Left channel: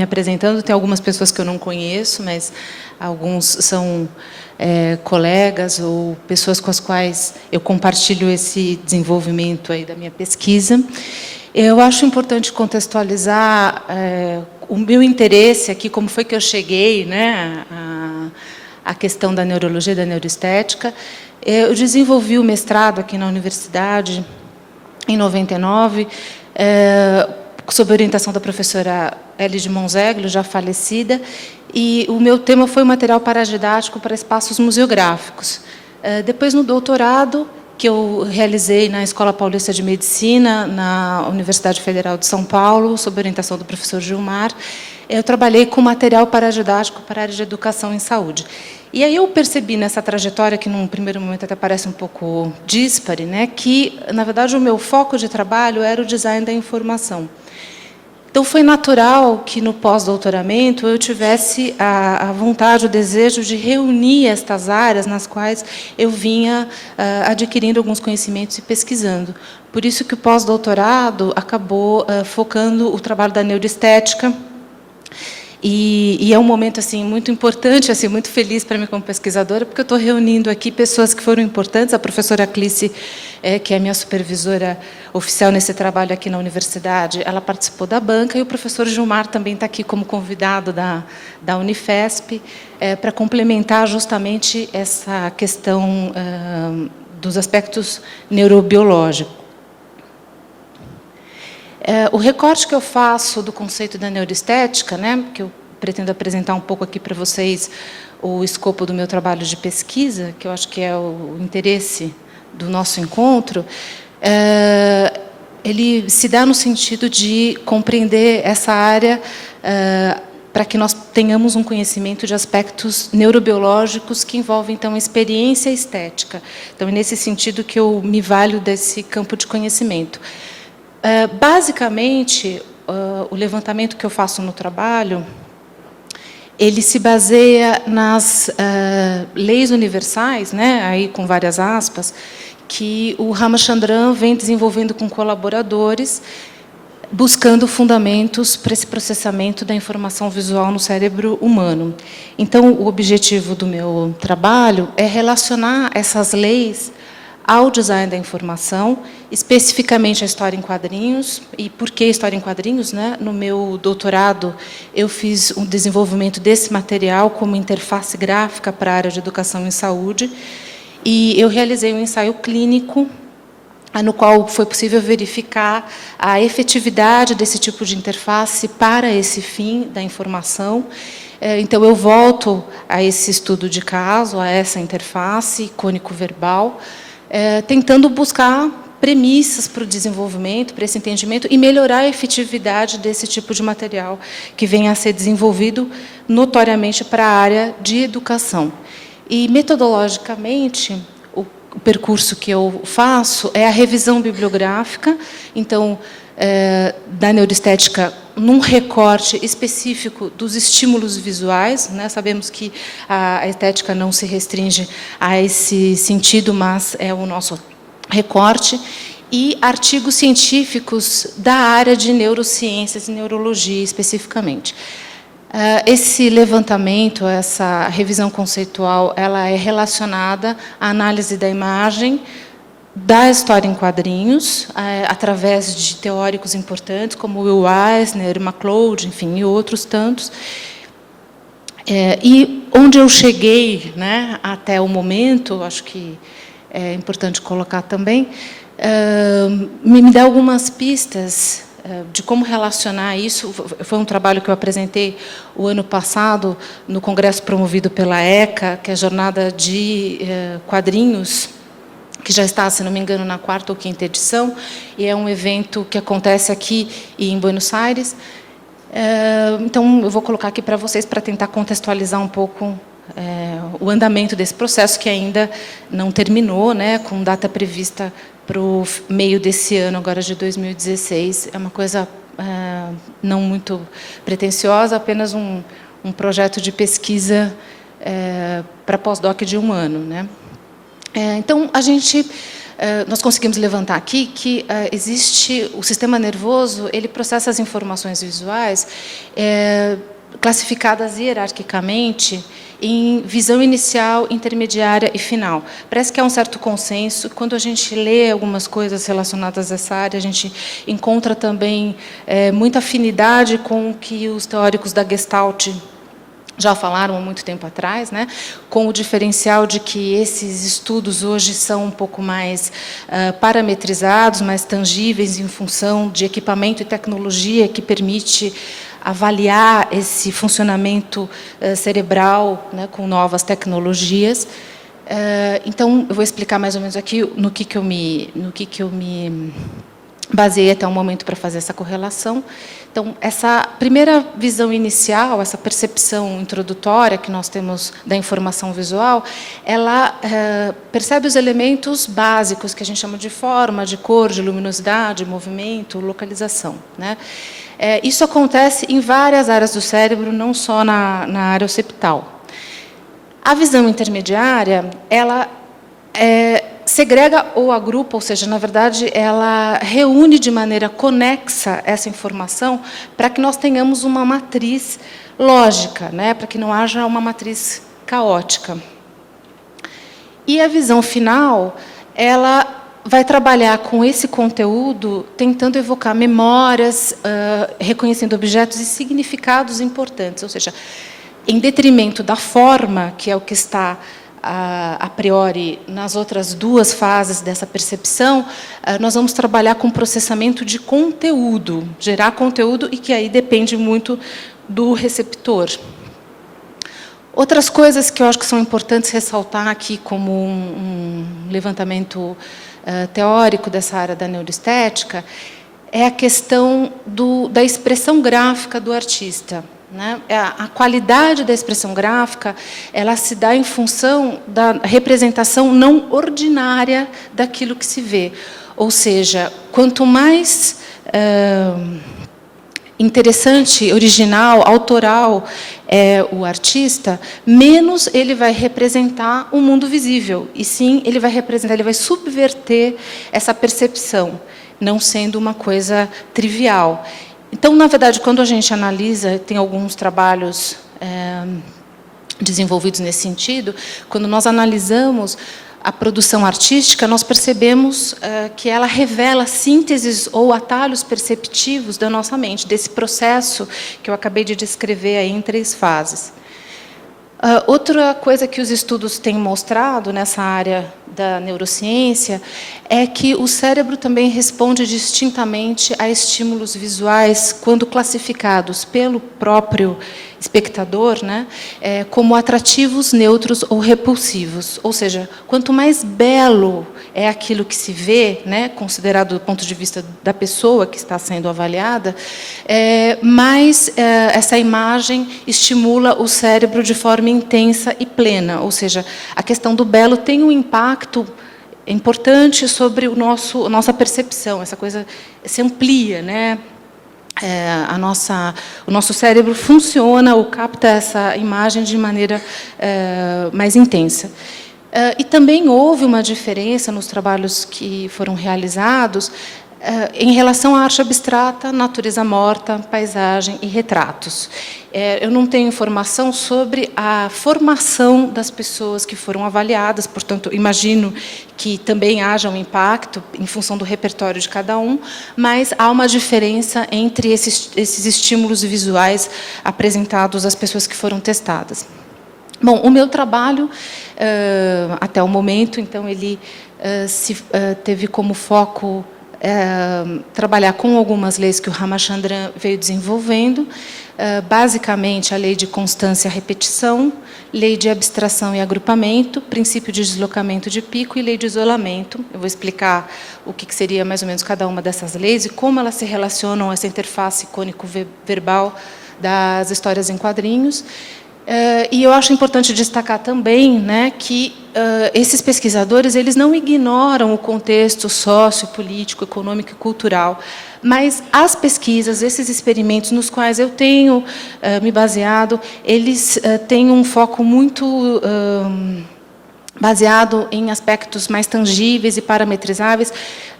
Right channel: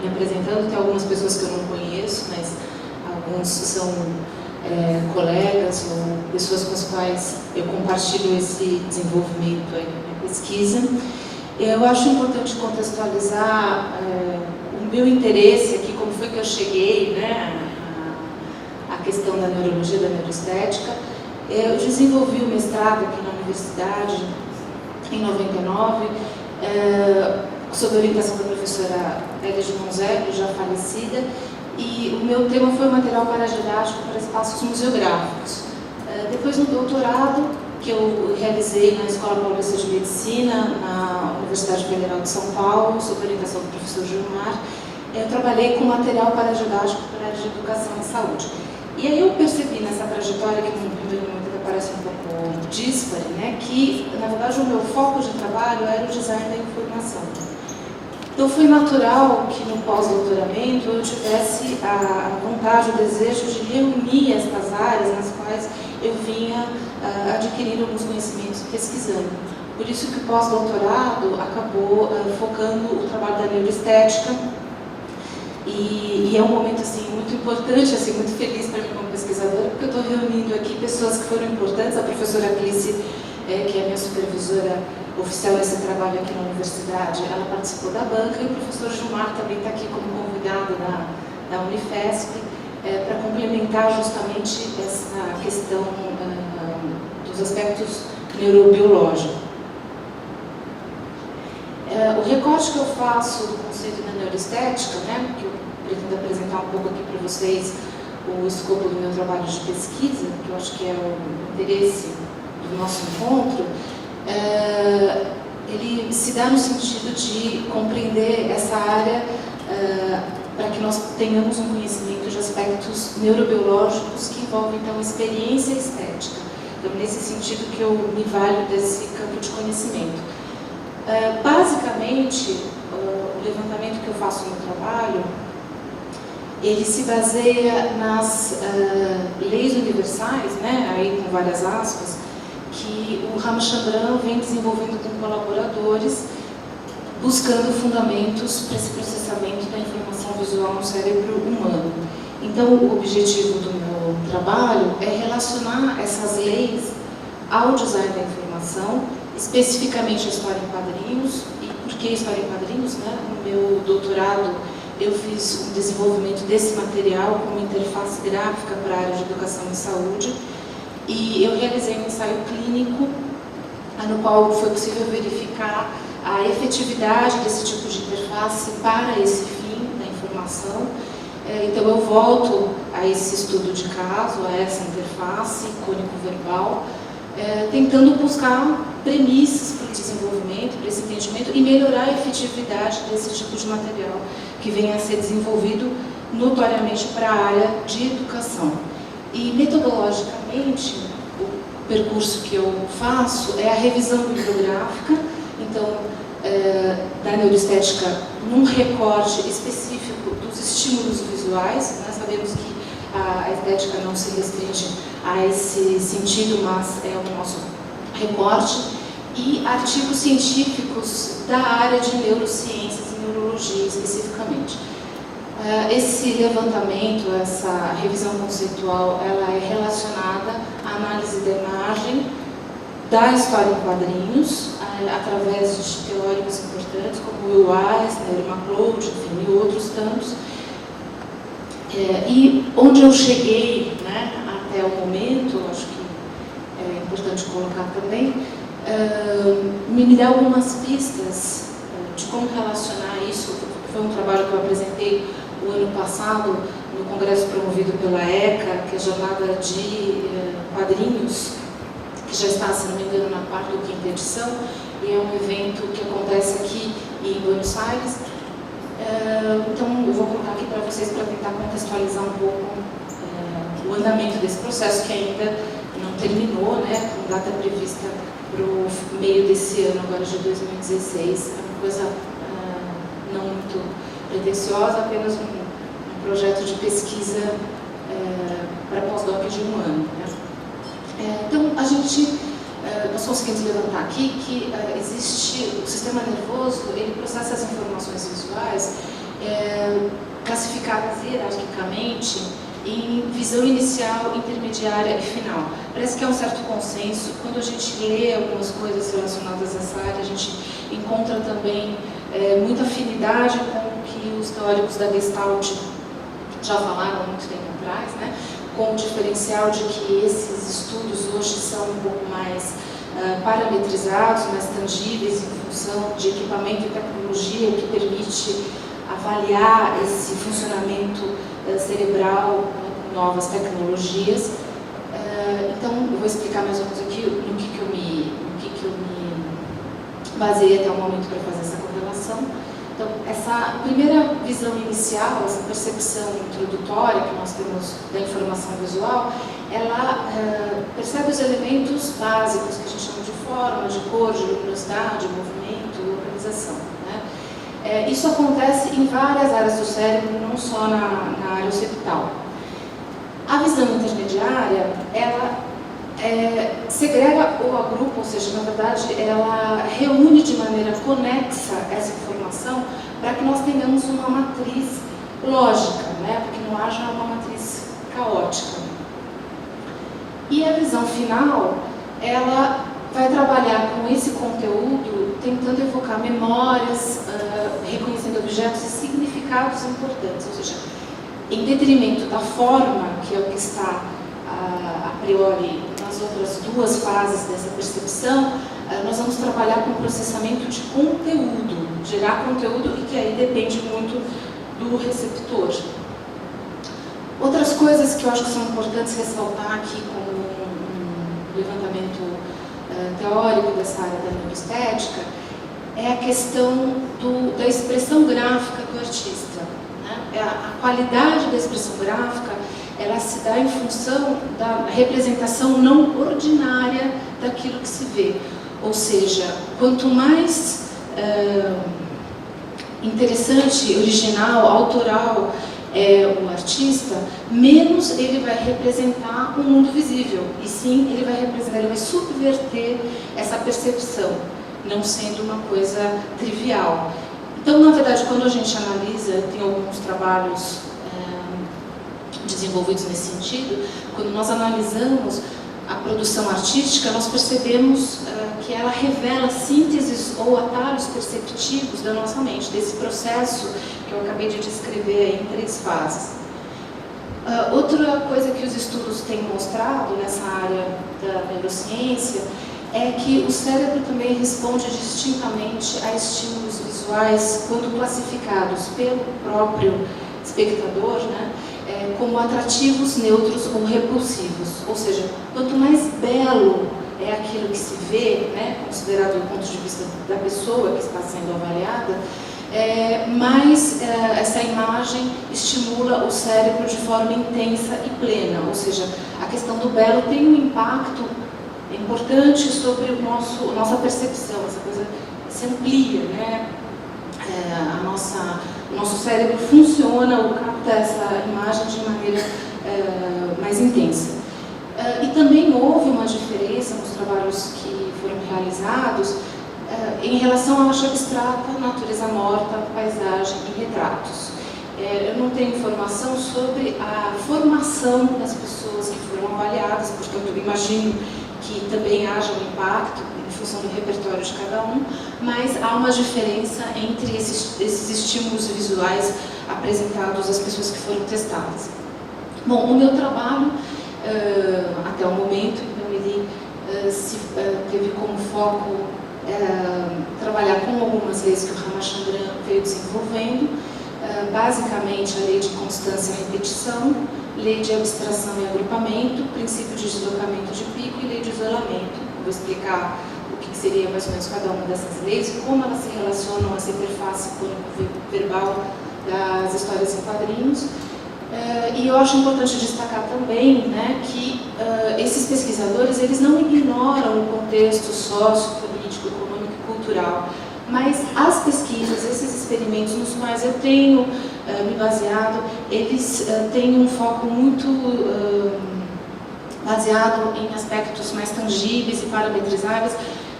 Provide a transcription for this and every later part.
me apresentando, tem algumas pessoas que eu não conheço, mas alguns são colegas ou pessoas com as quais eu compartilho esse desenvolvimento aí da minha pesquisa. Eu acho importante contextualizar o meu interesse aqui, como foi que eu cheguei, né, à questão da neurologia, da neuroestética. Eu desenvolvi o mestrado aqui na universidade em 99, sob orientação da professora Elis Monzeglio, já falecida, e o meu tema foi o material paradidático para espaços museográficos. Depois, no doutorado, que eu realizei na Escola Paulista de Medicina, na Universidade Federal de São Paulo, sob orientação do professor Gilmar, eu trabalhei com material paradidático para a área de educação em saúde. E aí eu percebi nessa trajetória, que num primeiro momento até parece um pouco díspare, né, que, na verdade, o meu foco de trabalho era o design da informação. Então, foi natural que, no pós-doutoramento, eu tivesse a vontade, o desejo de reunir estas áreas nas quais eu vinha adquirindo alguns conhecimentos e pesquisando. Por isso que o pós-doutorado acabou focando o trabalho da neuroestética. E é um momento assim muito importante, assim muito feliz para mim como pesquisadora, porque eu estou reunindo aqui pessoas que foram importantes. A professora Clícia, que é a minha supervisora oficial nesse trabalho aqui na universidade, ela participou da banca, e o professor Gilmar também está aqui como convidado da Unifesp, para complementar justamente essa questão dos aspectos neurobiológicos. O recorte que eu faço do conceito da neuroestética, né, que eu pretendo apresentar um pouco aqui para vocês o escopo do meu trabalho de pesquisa, que eu acho que é o interesse do nosso encontro, ele se dá no sentido de compreender essa área para que nós tenhamos um conhecimento de aspectos neurobiológicos que envolvem, então, experiência estética. Então, é nesse sentido que eu me valho desse campo de conhecimento. Basicamente, o levantamento que eu faço no trabalho, ele se baseia nas leis universais, né, aí com várias aspas, que o Ramachandran vem desenvolvendo com colaboradores, buscando fundamentos para esse processamento da informação visual no cérebro humano. Então, o objetivo do meu trabalho é relacionar essas leis ao design da informação, especificamente a história em quadrinhos. E por que história em quadrinhos, né? No meu doutorado, eu fiz um desenvolvimento desse material como interface gráfica para a área de educação em saúde, e eu realizei um ensaio clínico no qual foi possível verificar a efetividade desse tipo de interface para esse fim da informação. Então, eu volto a esse estudo de caso, a essa interface cônico-verbal, tentando buscar premissas para o desenvolvimento, para esse entendimento, e melhorar a efetividade desse tipo de material que venha a ser desenvolvido notoriamente para a área de educação. E, metodologicamente, o percurso que eu faço é a revisão bibliográfica, então, da neuroestética num recorte específico dos estímulos visuais, né? Sabemos que a estética não se restringe a esse sentido, mas é o nosso recorte, e artigos científicos da área de neurociências e neurologia especificamente. Esse levantamento, essa revisão conceitual, ela é relacionada à análise da imagem, da história em quadrinhos, através de teóricos importantes como Will Eisner, MacLeod, enfim, e outros tantos. E onde eu cheguei, né, até o momento, acho que é importante colocar também, me dá algumas pistas de como relacionar isso. Foi um trabalho que eu apresentei o ano passado no congresso promovido pela ECA, que é a Jornada de Quadrinhos, que já está, se não me engano, na 4ª ou 5ª edição, e é um evento que acontece aqui em Buenos Aires. Então, eu vou colocar aqui para vocês para tentar contextualizar um pouco o andamento desse processo, que ainda não terminou, né, com data prevista para o meio desse ano, agora de 2016. É uma coisa não muito pretensiosa, apenas um projeto de pesquisa para pós-doc de 1 ano, né? Então, a gente nós conseguimos levantar aqui que existe o sistema nervoso, ele processa as informações visuais classificadas hierarquicamente em visão inicial, intermediária e final. Parece que há um certo consenso. Quando a gente lê algumas coisas relacionadas a essa área, a gente encontra também muita afinidade com o que os teóricos da Gestalt já falaram há muito tempo atrás, né? Com o diferencial de que esses estudos hoje são um pouco mais parametrizados, mais tangíveis em função de equipamento e tecnologia que permite avaliar esse funcionamento cerebral, né, com novas tecnologias. Então, eu vou explicar mais ou menos aqui no que eu me baseei até o momento para fazer essa correlação. Então, essa primeira visão inicial, essa percepção introdutória que nós temos da informação visual, ela percebe os elementos básicos que a gente chama de forma, de cor, de luminosidade, movimento, localização, né? Isso acontece em várias áreas do cérebro, não só na área occipital. A visão intermediária, ela segrega ou agrupa, ou seja, na verdade, ela reúne de maneira conexa essa informação para que nós tenhamos uma matriz lógica, né? Para que não haja uma matriz caótica. E a visão final, ela vai trabalhar com esse conteúdo, tentando evocar memórias, reconhecendo objetos e significados importantes, ou seja, em detrimento da forma, que é o que está a priori nas outras duas fases dessa percepção, nós vamos trabalhar com processamento de conteúdo, gerar conteúdo, e que aí depende muito do receptor. Outras coisas que eu acho que são importantes ressaltar aqui como um levantamento teórico dessa área da neuroestética é a questão da expressão gráfica do artista, né? A qualidade da expressão gráfica, ela se dá em função da representação não ordinária daquilo que se vê. Ou seja, quanto mais interessante, original, autoral o artista, menos ele vai representar o mundo visível, e sim ele vai representar, ele vai subverter essa percepção, não sendo uma coisa trivial. Então, na verdade, quando a gente analisa, tem alguns trabalhos desenvolvidos nesse sentido, quando nós analisamos a produção artística, nós percebemos que ela revela sínteses ou atalhos perceptivos da nossa mente, desse processo que eu acabei de descrever aí em 3 fases. Outra coisa que os estudos têm mostrado nessa área da neurociência é que o cérebro também responde distintamente a estímulos visuais quando classificados pelo próprio espectador, né, como atrativos, neutros ou repulsivos. Ou seja, quanto mais belo é aquilo que se vê, né, considerado do ponto de vista da pessoa que está sendo avaliada, mais essa imagem estimula o cérebro de forma intensa e plena. Ou seja, a questão do belo tem um impacto importante sobre a nossa percepção. Essa coisa se amplia, né? O nosso cérebro funciona ou capta essa imagem de maneira mais intensa. E também houve uma diferença nos trabalhos que foram realizados em relação à arte abstrata, natureza morta, paisagem e retratos. Eu não tenho informação sobre a formação das pessoas que foram avaliadas, portanto, imagino que também haja um impacto em função do repertório de cada um, mas há uma diferença entre esses estímulos visuais apresentados às pessoas que foram testadas. Bom, o meu trabalho, até o momento, então, ele teve como foco trabalhar com algumas leis que o Ramachandran veio desenvolvendo, basicamente a lei de constância e repetição, lei de abstração e agrupamento, princípio de deslocamento de pico e lei de isolamento. Eu vou explicar o que seria mais ou menos cada uma dessas leis e como elas se relacionam a essa interface icônico-verbal das histórias em quadrinhos. E eu acho importante destacar também, né, que esses pesquisadores, eles não ignoram o contexto sociopolítico, econômico e cultural, mas as pesquisas, esses experimentos nos quais eu tenho me baseado, eles têm um foco muito baseado em aspectos mais tangíveis e parametrizáveis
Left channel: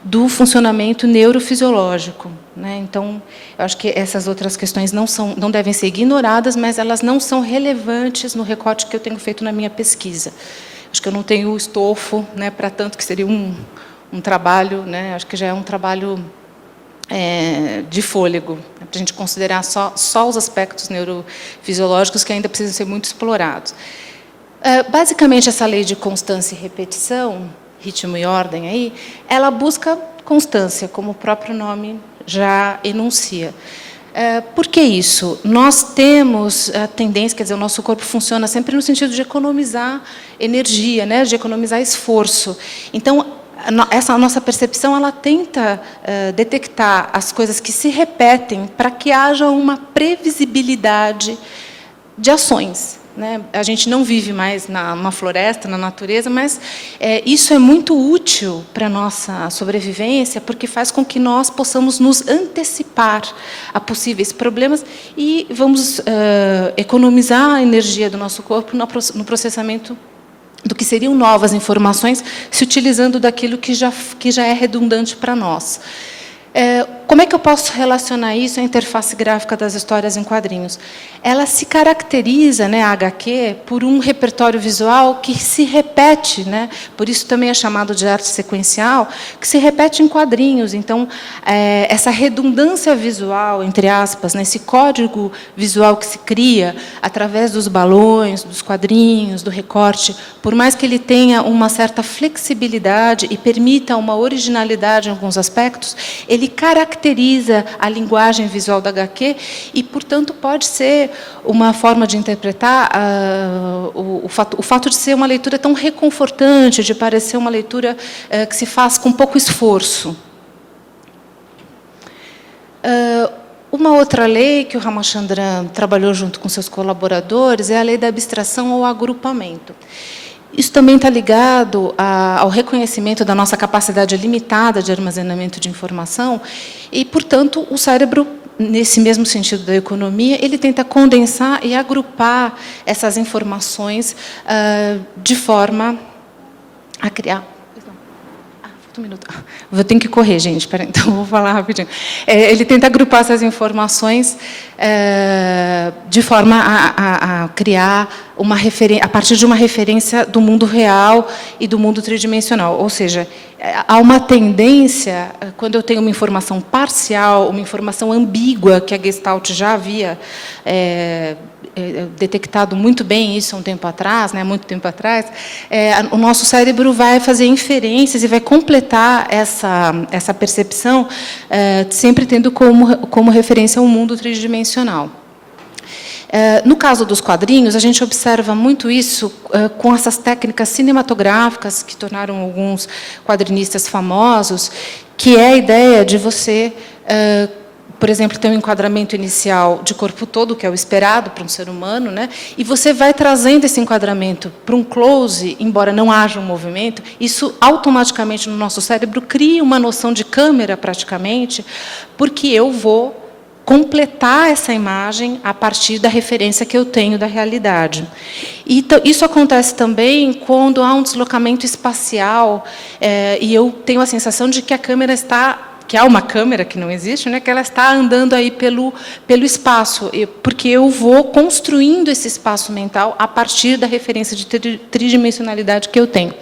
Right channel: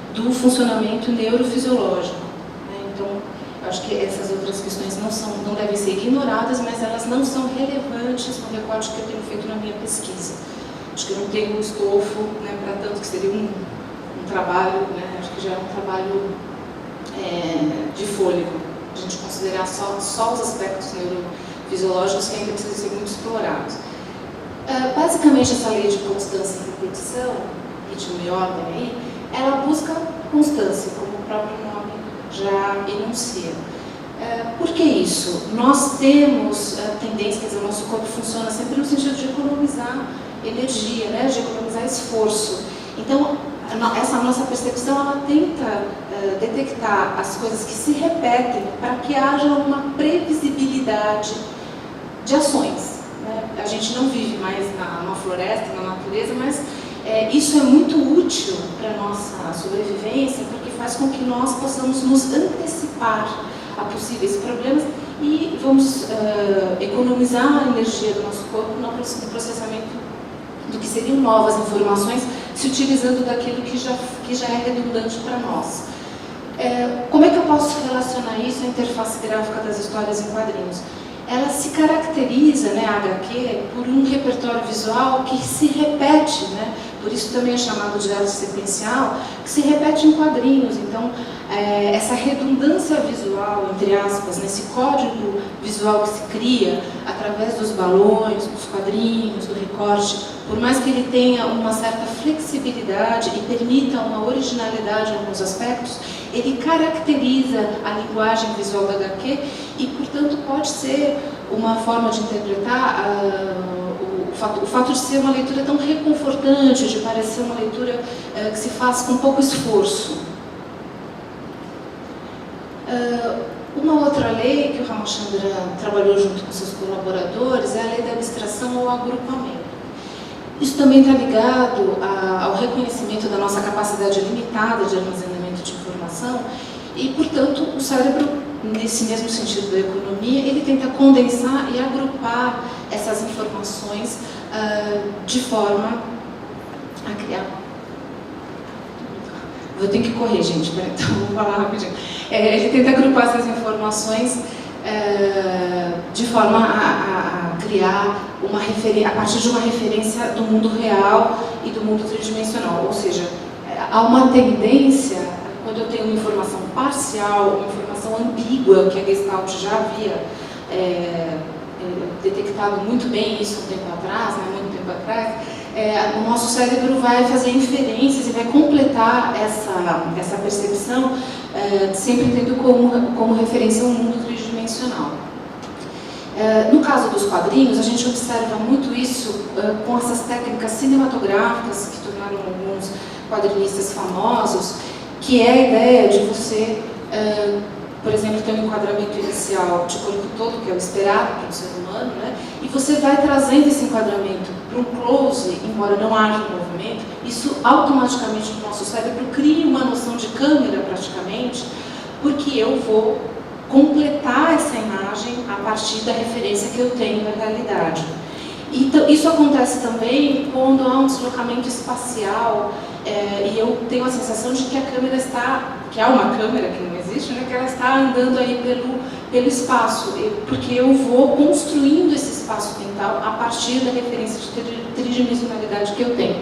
do funcionamento neurofisiológico, né? Então, eu acho que essas outras questões não devem ser ignoradas, mas elas não são relevantes no recorte que eu tenho feito na minha pesquisa. Acho que eu não tenho estofo, né, para tanto, que seria um trabalho, né, acho que já é um trabalho de fôlego, a gente considerar só os aspectos neurofisiológicos que ainda precisam ser muito explorados. Basicamente, essa lei de constância e repetição, ritmo e ordem aí, ela busca constância, como o próprio nome já enuncia. Por que isso? Nós temos a tendência, quer dizer, o nosso corpo funciona sempre no sentido de economizar energia, né, de economizar esforço. Então, essa nossa percepção, ela tenta detectar as coisas que se repetem para que haja uma previsibilidade de ações, né? A gente não vive mais numa floresta, na natureza, mas isso é muito útil para a nossa sobrevivência, porque faz com que nós possamos nos antecipar a possíveis problemas e vamos economizar a energia do nosso corpo no processamento do que seriam novas informações, se utilizando daquilo que já é redundante para nós. Como é que eu posso relacionar isso à interface gráfica das histórias em quadrinhos? Ela se caracteriza, né, a HQ, por um repertório visual que se repete, né, por isso também é chamado de arte sequencial, que se repete em quadrinhos. Então, essa redundância visual, entre aspas, né, esse código visual que se cria através dos balões, dos quadrinhos, do recorte, por mais que ele tenha uma certa flexibilidade e permita uma originalidade em alguns aspectos, ele caracteriza a linguagem visual da HQ e, portanto, pode ser uma forma de interpretar o fato de ser uma leitura tão reconfortante, de parecer uma leitura que se faz com pouco esforço. Uma outra lei que o Ramachandran trabalhou junto com seus colaboradores é a lei da abstração ou agrupamento. Isso também está ligado ao reconhecimento da nossa capacidade limitada de armazenamento de informação e, portanto, o cérebro, nesse mesmo sentido da economia, ele tenta condensar e agrupar essas informações de forma a criar... Eu tenho que correr, gente, peraí, então vou falar rapidinho. Ele tenta agrupar essas informações de forma a criar uma referência, a partir de uma referência do mundo real e do mundo tridimensional. Ou seja, há uma tendência, quando eu tenho uma informação parcial, uma informação ambígua, que a Gestalt já havia detectado muito bem isso um tempo atrás, né, muito tempo atrás, o nosso cérebro vai fazer inferências e vai completar essa percepção, sempre tendo como referência o mundo tridimensional. No caso dos quadrinhos, a gente observa muito isso com essas técnicas cinematográficas que tornaram alguns quadrinistas famosos, que é a ideia de você, por exemplo, ter um enquadramento inicial de corpo todo, que é o esperado para um ser humano, né? E você vai trazendo esse enquadramento para um close, embora não haja um movimento, isso automaticamente no nosso cérebro cria uma noção de câmera, praticamente, porque eu vou completar essa imagem a partir da referência que eu tenho da realidade. E isso acontece também quando há um deslocamento espacial e eu tenho a sensação de que a câmera está... que há uma câmera que não existe, né, que ela está andando aí pelo espaço, porque eu vou construindo esse espaço mental a partir da referência de tridimensionalidade que eu tenho.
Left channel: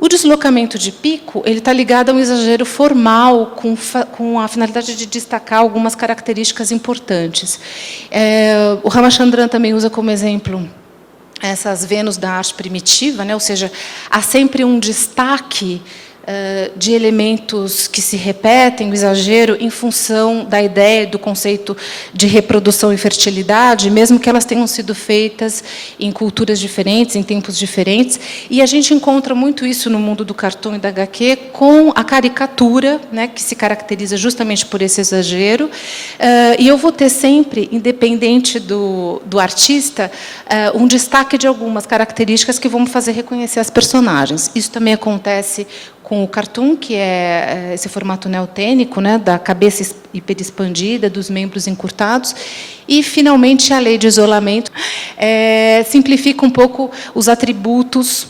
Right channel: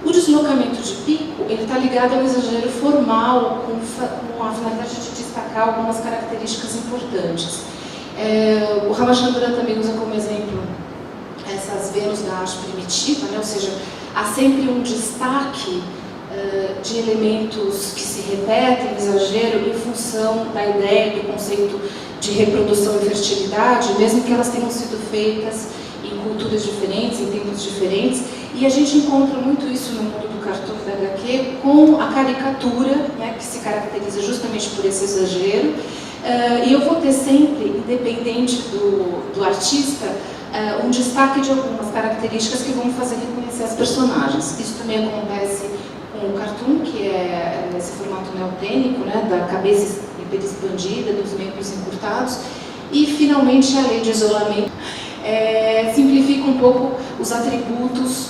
O deslocamento de pico, ele está ligado a um exagero formal, com a finalidade de destacar algumas características importantes. O Ramachandran também usa como exemplo essas Vênus da arte primitiva, né, ou seja, há sempre um destaque de elementos que se repetem, o exagero, em função da ideia, do conceito de reprodução e fertilidade, mesmo que elas tenham sido feitas em culturas diferentes, em tempos diferentes. E a gente encontra muito isso no mundo do cartoon e da HQ com a caricatura, né, que se caracteriza justamente por esse exagero. E eu vou ter sempre, independente do artista, um destaque de algumas características que vão fazer reconhecer as personagens. Isso também acontece com o cartoon, que é esse formato neotênico, né, da cabeça hiperexpandida, dos membros encurtados. E, finalmente, a lei de isolamento simplifica um pouco os atributos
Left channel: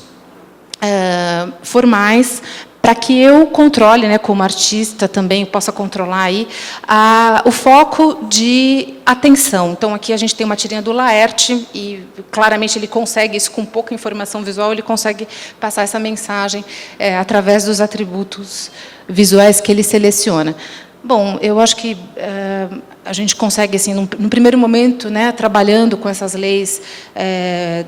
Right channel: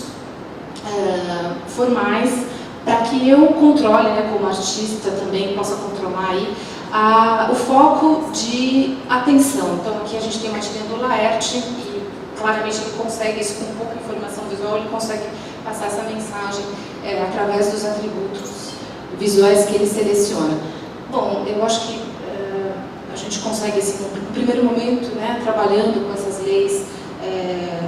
formais, para que eu controle, né, como artista também possa controlar aí o foco de atenção. Então aqui a gente tem uma tirinha do Laerte e claramente ele consegue isso com pouca informação visual, ele consegue passar essa mensagem através dos atributos visuais que ele seleciona. Bom, eu acho que a gente consegue, assim, num primeiro momento, né, trabalhando com essas leis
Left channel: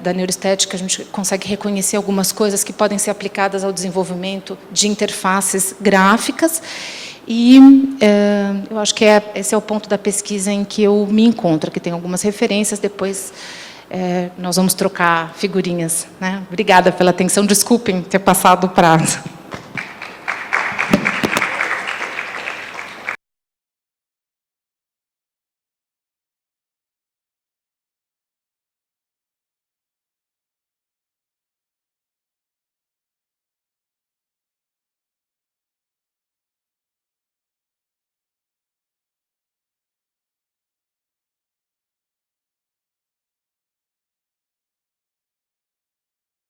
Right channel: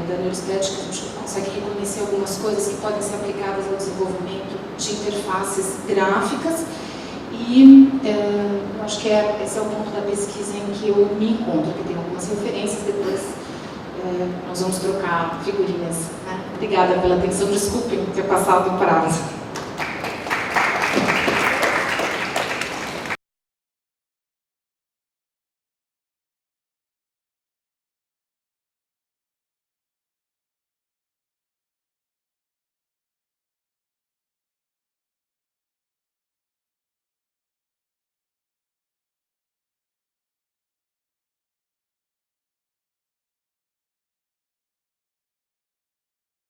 da neuroestética, a gente consegue reconhecer algumas coisas que podem ser aplicadas ao desenvolvimento de interfaces gráficas e eu acho que esse é o ponto da pesquisa em que eu me encontro, que tem algumas referências, depois nós vamos trocar figurinhas, né? Obrigada pela atenção, desculpem ter passado o prazo.